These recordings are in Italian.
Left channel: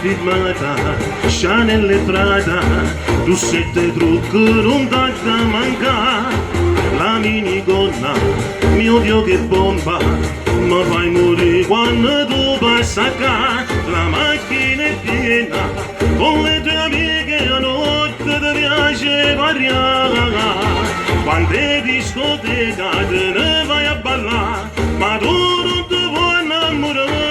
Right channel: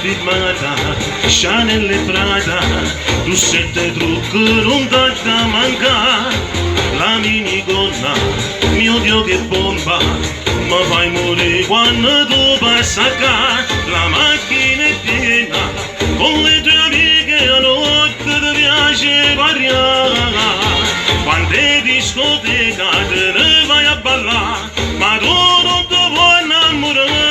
Firmata, Chanel e Prada, tu sette trucchi non da manca, la minigonna, mio Dio che bomba, ma fai morire quando tu passi a casa, la macchina è piena, con le tue amiche la notte ti piace variare, quante discoteche te ne vai a ballare, ma tu non ti vuoi innamorare.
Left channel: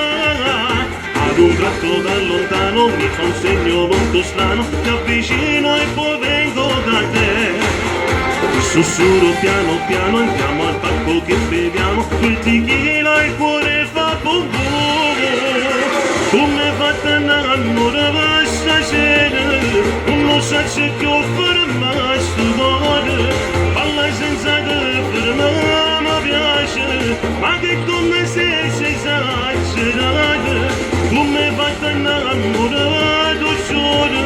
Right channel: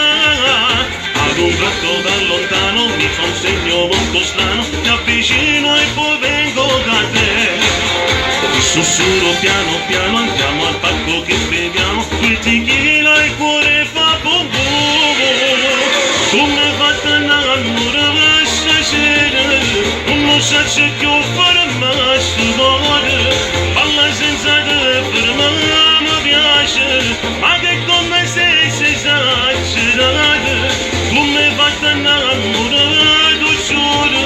Ad un tratto da lontano mi fa un segno molto strano, mi avvicino e poi vengo da te. Sussurro piano piano, andiamo al palco che beviamo, quel tequila il cuore fa boom boom. Come fatta innamorare stasera, non so se che ho fare mai stupore, balla senza te fermare mi piace, ma che con me sei esagerata. Come fatta innamorato solo,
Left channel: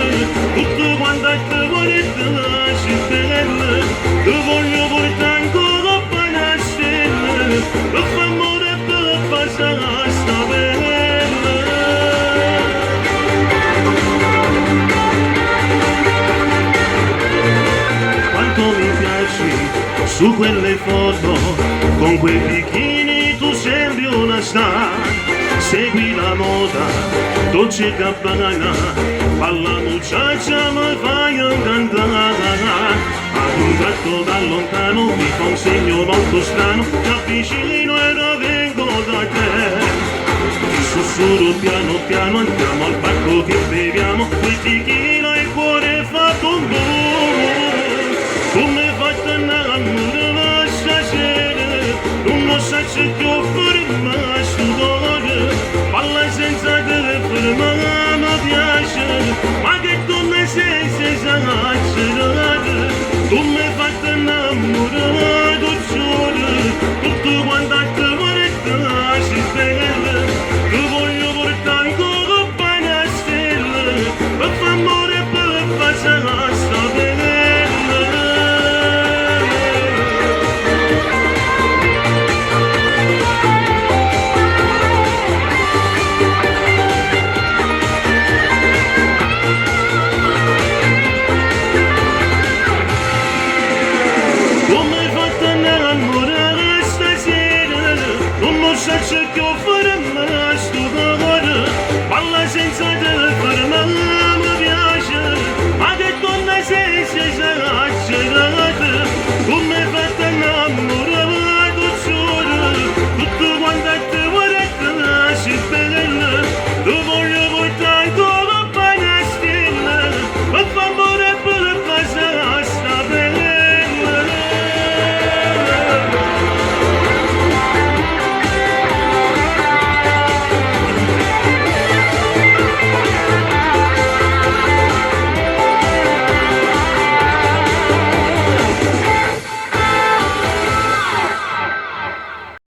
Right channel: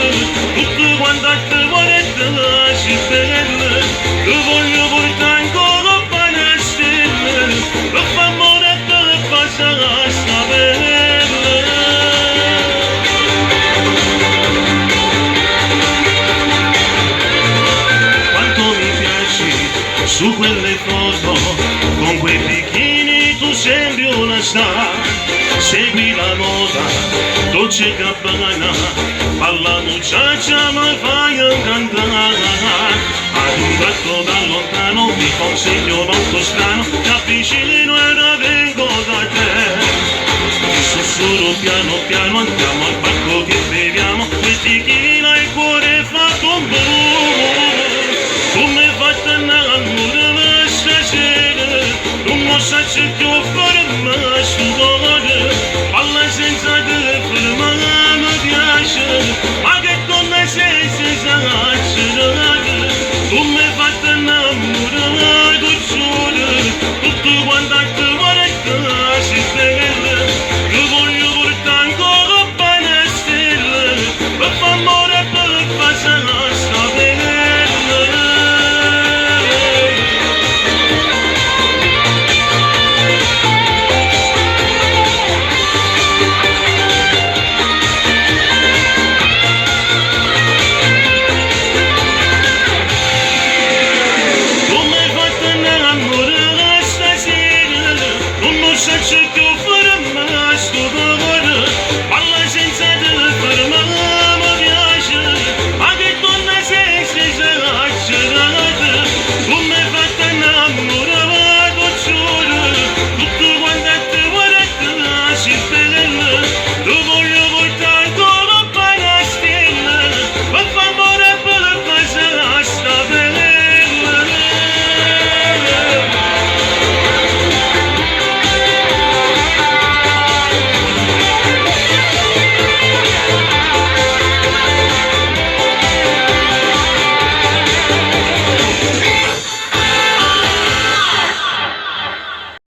tutto quanto te vuole te lasci bene, te voglio portare ancora bene a stelle, per far amore per passare sta bene. Quanto mi piaci su quelle foto, con quei bikini tu sembri una star. Segui la moda, dolce Gabbana, balla muchacha ma fai incantare. Ad un tratto da lontano mi fa un segno molto strano.